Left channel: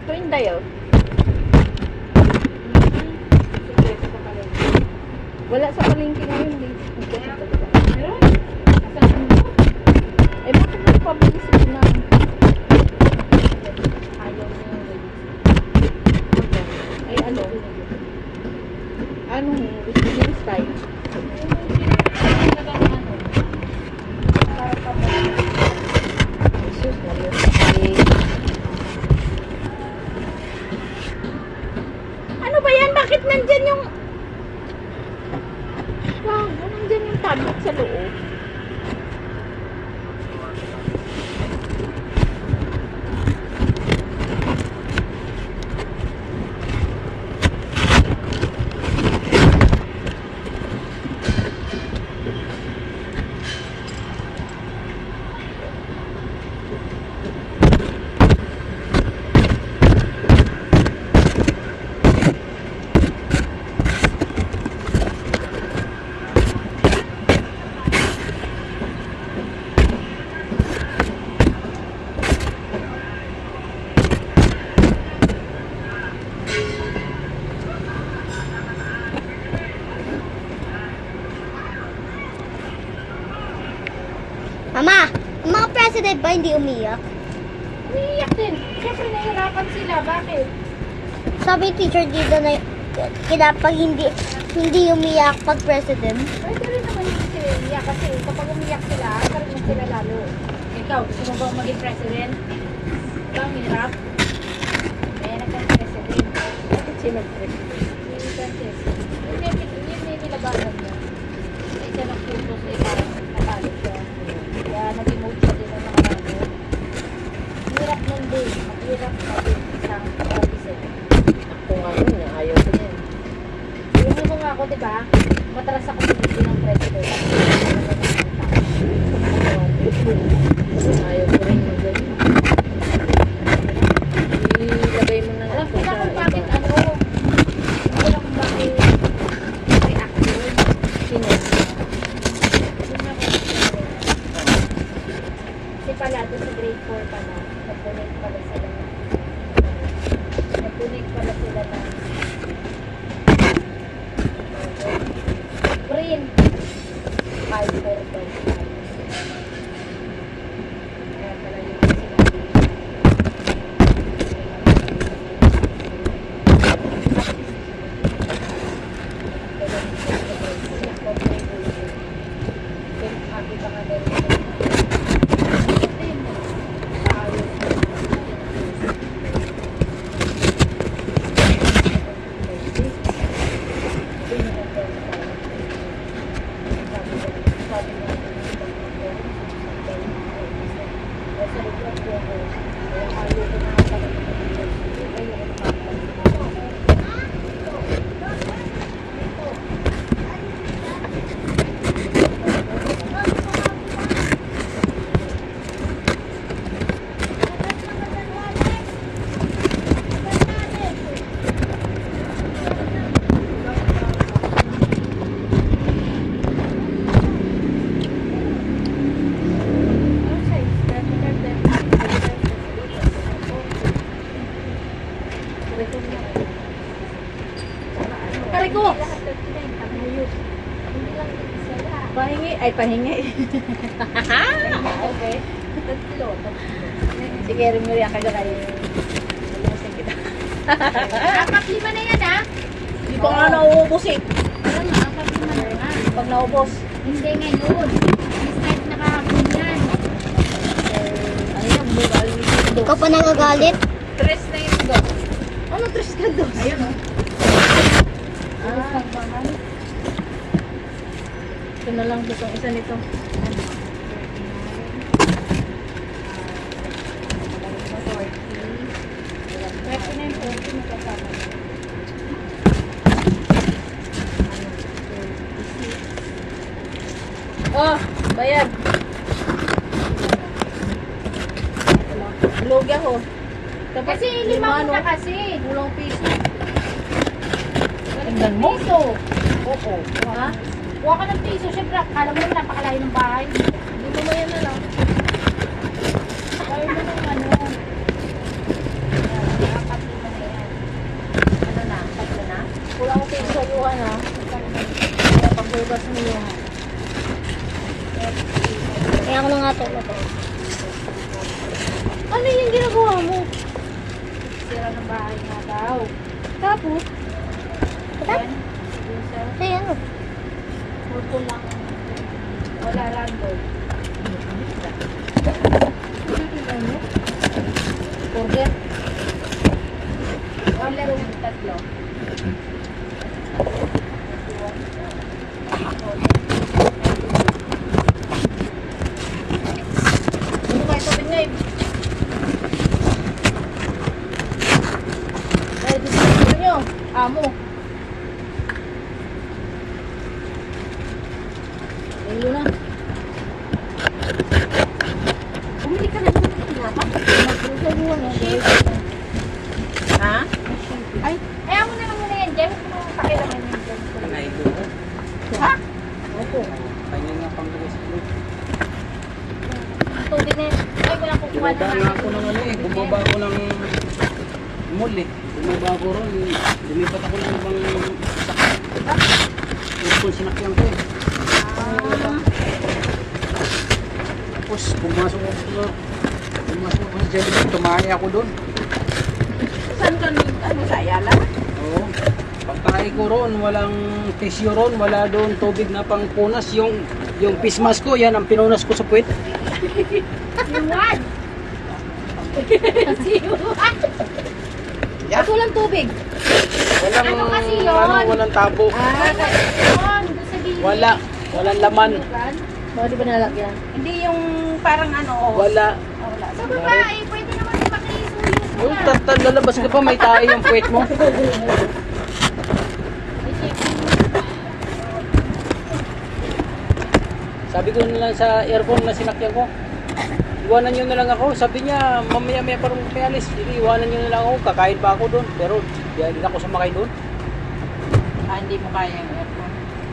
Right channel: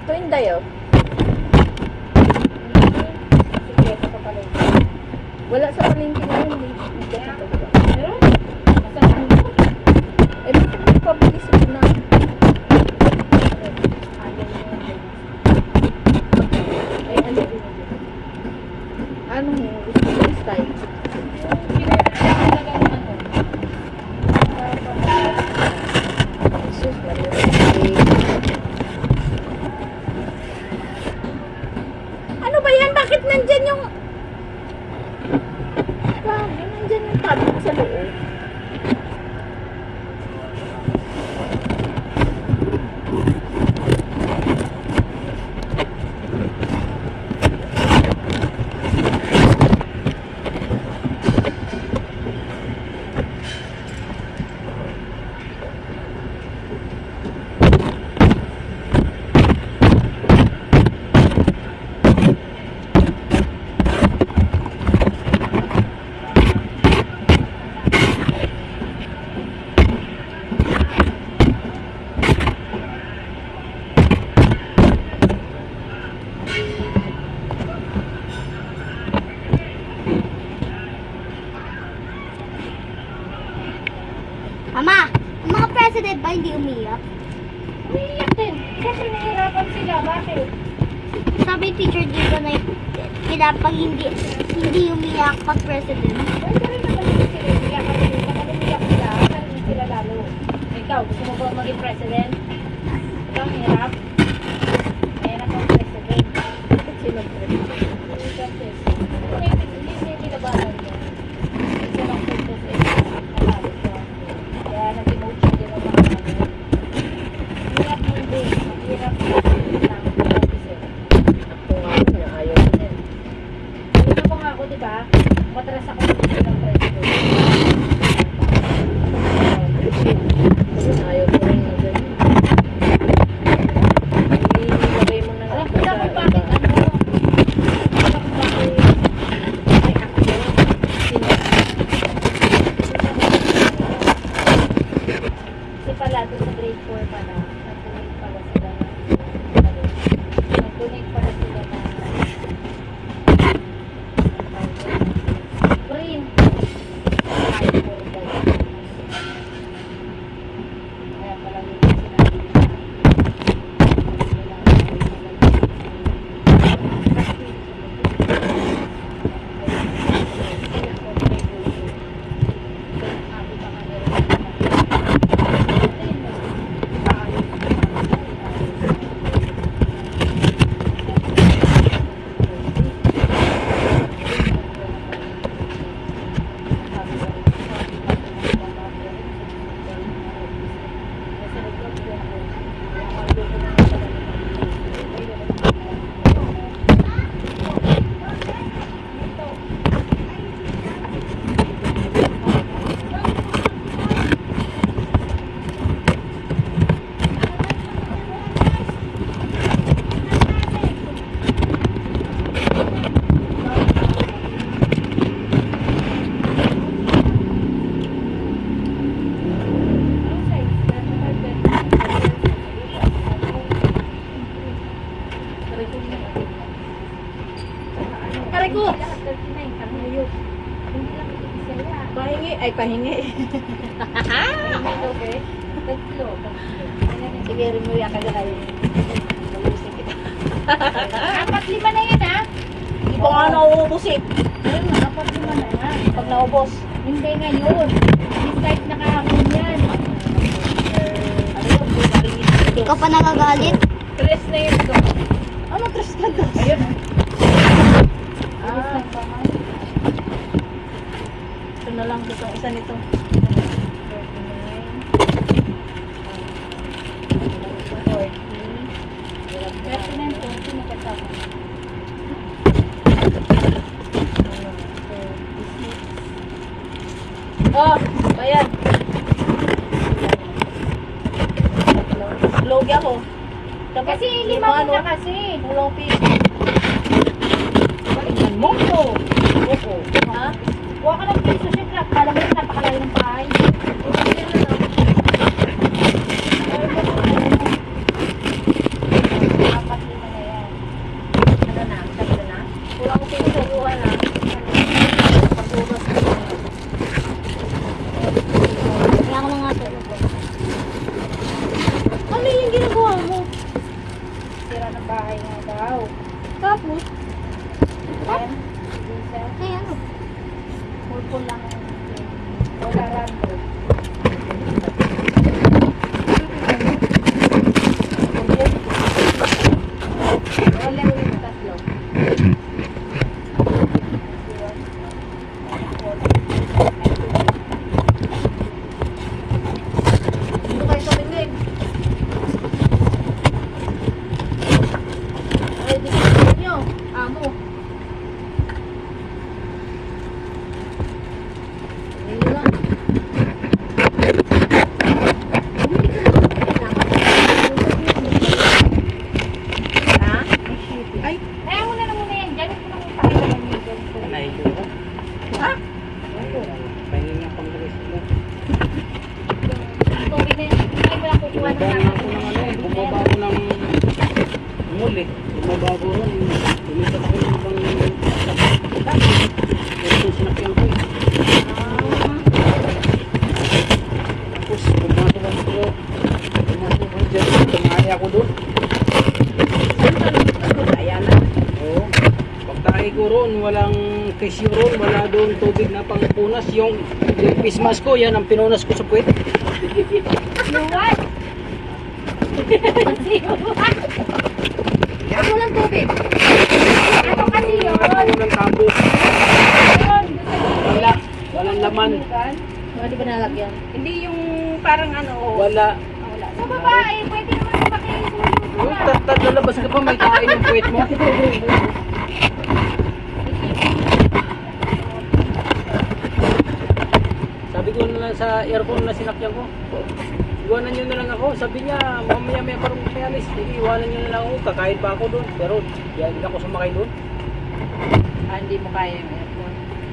Ito Inday, oh. Sikreto pa pala ito. Wala sa palengke na yun. Hindi sa talaga. Pero, nasaan mo? Eh, bakit may pabilis ito na? Ayaw niya yung ganyan. Eh, ano? Anong gusto mo yung style? Jesus, okay. Ano ba yan? Bakit nandyan yung... Wow, nandyan yung tablet sa loob. Mama, ang mga president ba hindi umiyak? Umiiyak din. Siyempre nahihirapan sila. Bakit? Sabi yung teacher dito na pag hindi umiyak pag president. Pwede rin naman yung sila umiyak. Kasi kapag umiyak sila, sabihin sila lalo. Ikaw, gusto mo ba maging president? Ikaw, hirap. Hirap ang president. Bakit sila president? Hindi kasi. Hindi kinabahan mo. Isa lang purpose is nagalit ko. Kaya nung pinuot siya din ang mga galit. Hirap yun din. Hirap lang mag-isip. Ako nga nun, ayaw ko yan. Gusto mo nga ako, di ba? Matras ako sa bilang president. Kasi ayaw ko rin mag ilagay mo na Alam lang ko sa na kung bakit iba. bakit may action. Sino? Kasi pala, doon sa grade 4 pala, nag-donate pala sila. Nag-donate pala sila ng green. Fiber daw. Kaya pala yun sila. Aray ko! Pahingi. Ay, pahingi. Okay. Tatlo. Sige, Rimuri, ka na rin. Nalusin kita. Apat lima na yan, ha? Hindi pa nga nauubos eh. Alam mo, apat lima na yan. Pag naubos. Hindi ngayon. Ni-start na kahapon yan. Ano yung buhay? Ikaw pa nagagalit? Tres na yun doon. Ano, tres ka dos? Ayun, ha? Tres na pangal. Ito na lang dito. Isa nito. 39, 40 na kasama. Oh, bayan. Lugi ako. Tapos Kasi lima mo ano, na kasi. Kulang piso. Tignan mo. Piso. Opo. Ha? Kuha ka ng piso. Siyempre, akala mo na napakalayo ng bahay. Kuha mo yan na lang. Ayaw mo ng ano. Apat nga ito. Ano yung ginagawa mo? Sira ng bahay nga daw. Tapos? Then, isa, Ay, ano? purple lang. Wala rando. Purple. Wala yung tatlo. Ano kayo sa akin ngayon? Ay, dito nyo. Amo. Ayun na. Bumili ka na. Ha? Ay, ayaw mo na lang muna yan dyan. Huwag mo nang pakialaman mo dyan. Ay, dura. Ha? Opo. Ayun yung pangluwas ko. Ang tubig na yan. Ay, wala kukuha na Pinadaan ako ng ano eh. Bumaba ako ng mall eh. Bumaba ako ron. Lumipat ako ng ibang sakit. Tapos sinakyan ko eh. Tapos pumasok ako doon. Pumasok ako dyan. Tumahay ako doon. Saan ka nung Ayala? Oo. Pagtahay ko ron, walang tissue ron, wala doon tubig na pangpunas. Yung face mask ko, yan ang pinunas ko sa puwet. Luwan! Pasiwan! At walang tubig. Ano kasi yun? Walang tabo. Yun, sa gilid. Wala. Walang laman. Mga di ba nalagyan? Hindi yung parang ano. Wala. Wala. Sa babae, pwede naman pati Uy, suyo. lalabas ka pa, may tae yung puwet mo. Sabi ko na lang sa aircon na sinakyan ko, iwanan nyo na lang ako. Sabi niya, mamaya may parang may alis. Sige, iwanan nyo na lang ako. Kakain pa ako doon. Pero hindi ako sumakay doon. Hindi mo kaya yung aircon.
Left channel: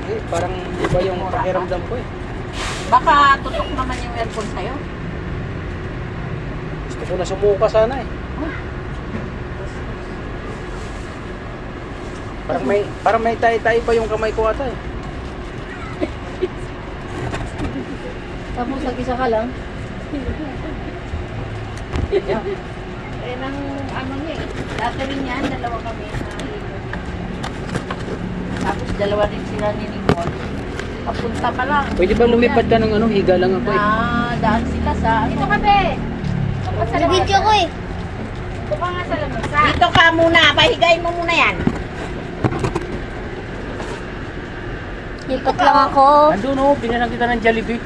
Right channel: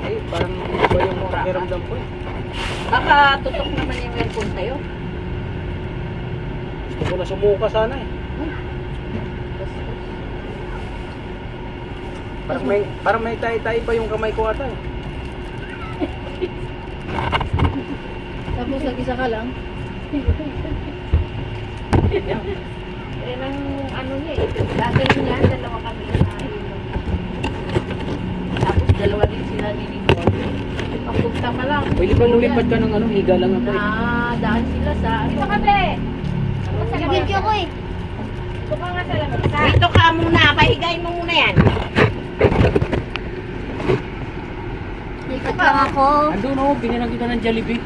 Ay, parang iba yung pakiramdam ko eh. Baka tutok naman yung aircon sa'yo. Gusto ko na sumuka sana eh. Parang may tayo-tayo pa yung kamay ko ata eh. Tapos nag-isa ka lang. Eh, nang ano niya eh. Dati rin yan, dalawa kami. Tapos dalawa din sila ni Nicole. Papunta pa lang. Pwede ba lumipad ka ng ano, higa lang ako eh. Daan sila sa... Dito ka, be! Nag-video ko eh. Dito ka nga sa lamesa. Dito ka muna. Pahigayin mo muna yan. Lipat lang ako. Andun oh, pinalang kita ng Jollibee.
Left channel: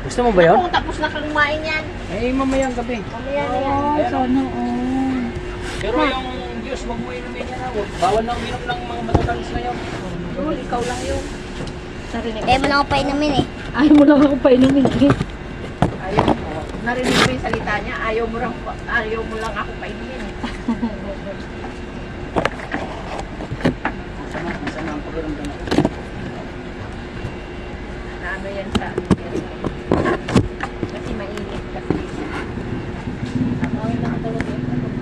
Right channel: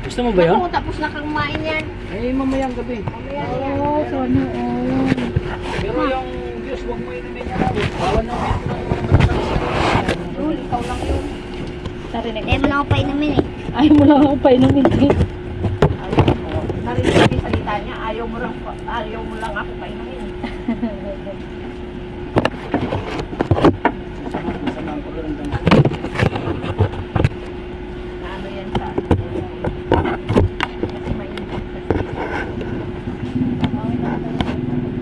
Gusto mo ba yun? Naku, tapos na kang kumain yan. Eh, mamayang gabi. Mamaya na yan. Sana all. Pero yung Diyos, huwag mo inumin niya na. Bawal na uminom ng mga matatamis na Rule, ikaw lang yun. Narinig Eh, mo lang ako painumin eh. Ay, mo lang ako pa inumin. Ayaw mo. Narinig mo yung salita niya. Ayaw mo lang ako painumin. Masama ang pakiramdam. Na ano yan sa... Kasi mainit kasi.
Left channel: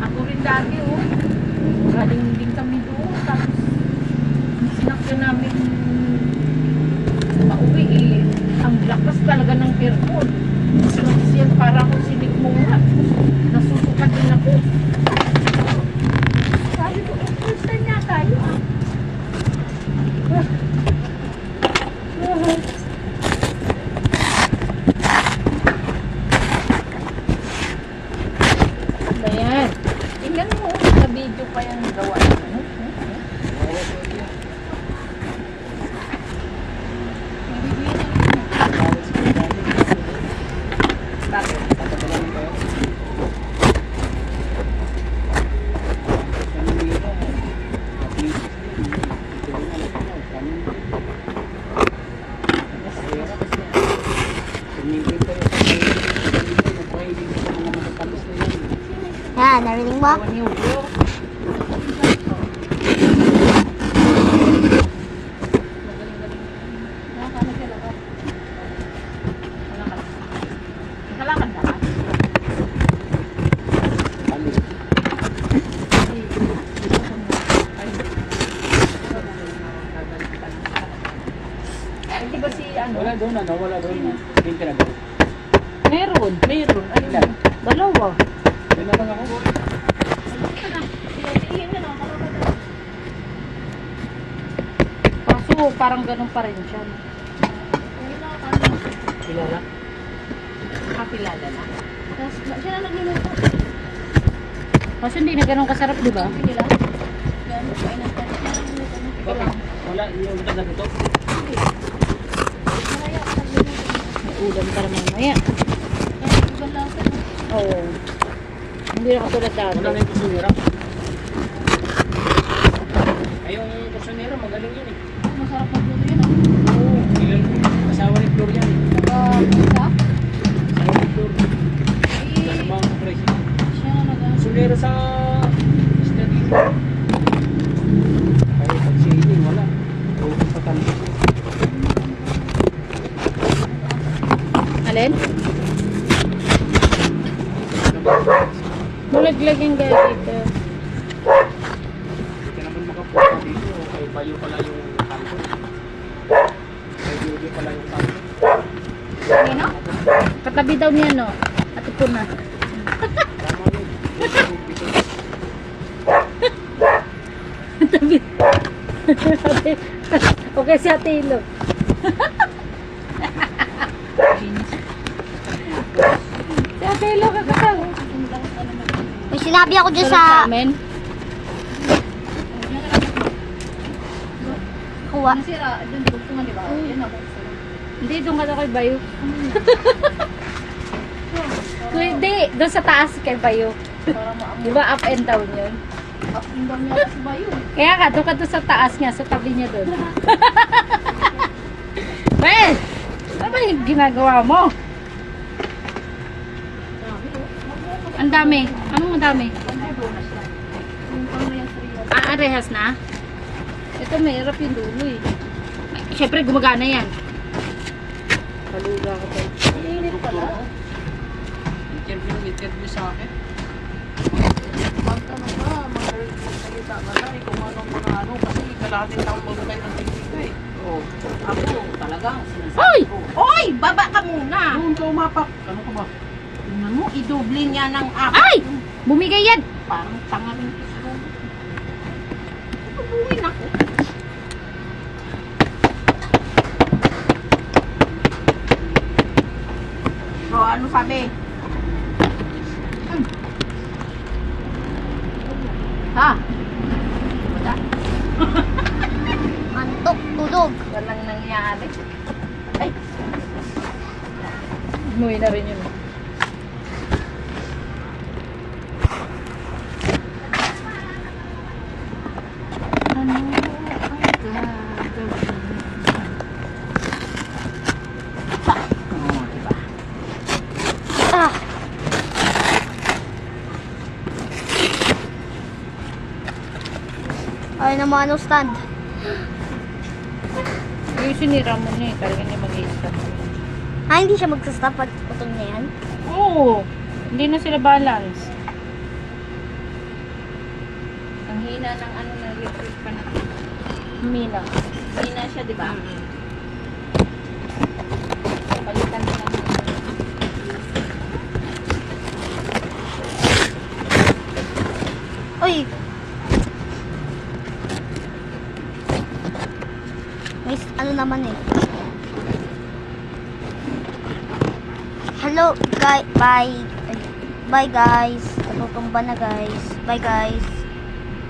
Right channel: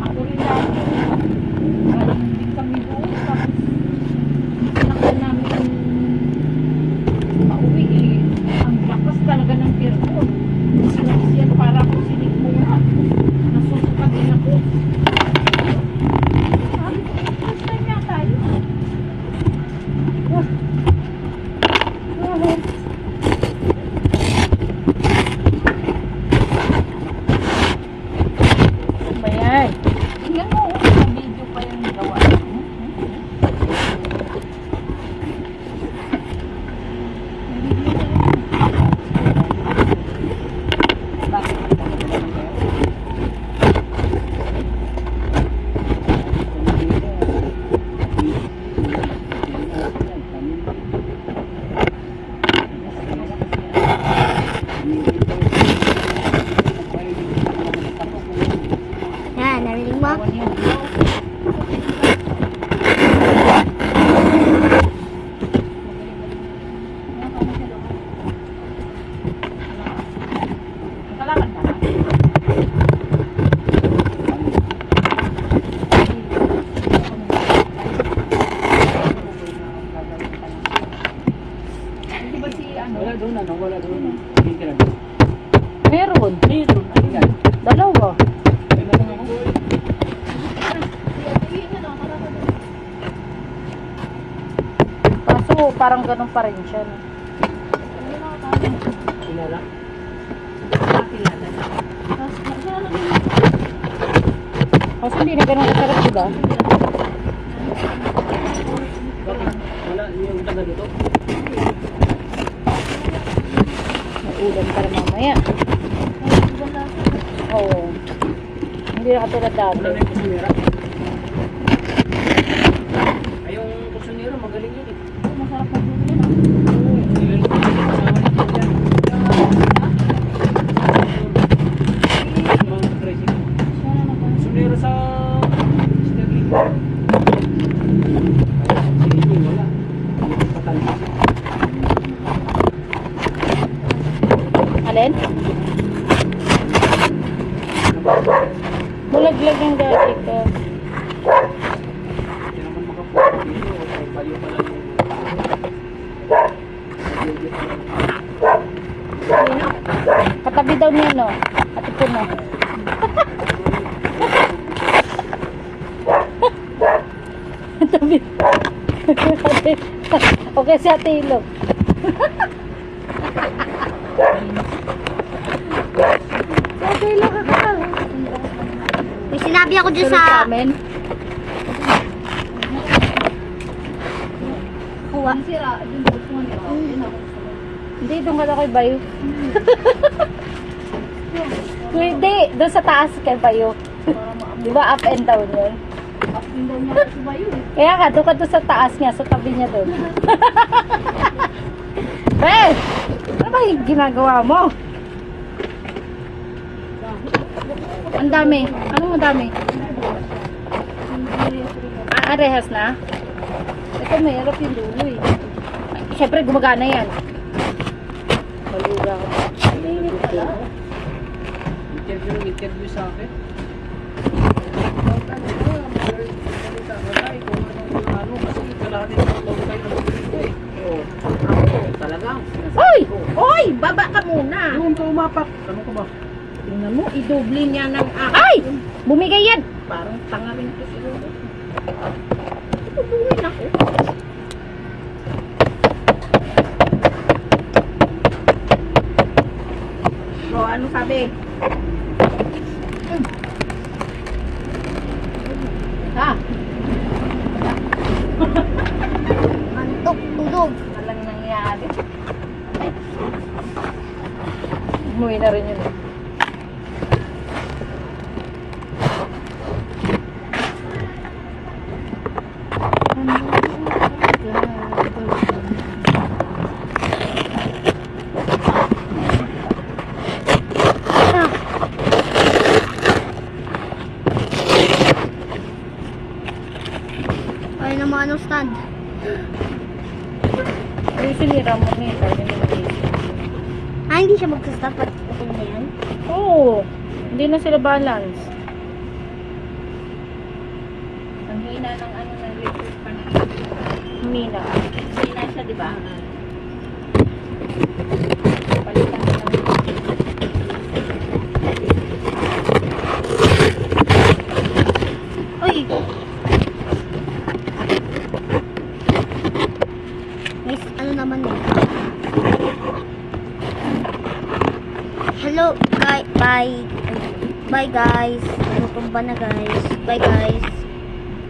Ako rin dati. Galing din kami doon. Tapos sinakyan namin pauwi eh. Ang lakas talaga ng aircon. Kasi yan parang ako sinikmunga. Nasusukat din ako. Sabi ko, first time na tayo. Ano ba yan? Tingnan mo, sa video pa yung gawa. Yan, narinig mo? Gawan yung vlog. Nakalakad ka ba? Ay, di ba si ano? Wala doon, wala doon. Sabihin ka na doon. Meron. parang ganun pa rin siya. No? Hindi na paano. Kilala. Nakakilala. Tapos, sila na din. Kasi hindi na ganun kasarap, di ba? Sige lang. Bakit? Wala, yung taga dito. Ulam para mamaya. Oo. Hindi na katulad dati. Wala na yung kusunera. Ay, yung kusunera, magaling yun eh. Masarap na po yun. Ilang asawa nito yan. Mga president. Siya na Kusunera sa Sterling. Kaya si Ining, wala. Ang patanda. Alin? Mulaglag yung gagi ka. Kaya naman makapunta dito. O bayo pala yung bayo pala yung Sino? Katabi daw niya, no? Ate po na. Tabi. Okay si Ate Ilo. Si Ate Ilo kakatawa. May sinabi ako dyan Sunod sa sa amin. kuha. Sira, dun po kung ano. Yun ako. Hindi, doon ka daw kay Bayo. Hindi, doon sa taas kay Bayo. Para maamoy. Di ba up and down yun? Up and down nga si Bayo. Kaya ka, doon ka doon sa taas niya, sa tabi niya doon. Ben! Ano ba yung ginagawa mo? Ang dami. Anong ang dami? Ah, rehas na? Ito, mahirap yung dulo eh. Ay, syempre, gumagana yan. Paluga ko pa. Init pala. interview sa akin. Magkano ka, magsalita ka tayo kung anong mga ano, kasi kalahati na ako tayo ng dito eh. Oo. Ako, talagang Oy! sinasabi ko. Oy, baba ka muna. Doon ka umapak. Ano ka ba? Tingnan mo, idoble niya ng apat. Ay! Bumigay yan! Parang tanga rin ito si Robert. Tubuhin ako. Bro, ano sabi? Ha? Antok, tulog. Walang nangyari. Umuwi na rin yun eh. Ah, ay naman ano stand. Yung sinira mo na eh, talagang hindi mag-iisip. Ah, hindi siya magsastop at putol na yan. Oo, hindi na sila balance. Ang hina ng ano na electric pan. Mina. Hina siya, di ba? Palitan na lang. Uy! May ano naman eh. Hello, guys. Bye. Bye, guys. Tutumba na, guys. Bye, guys.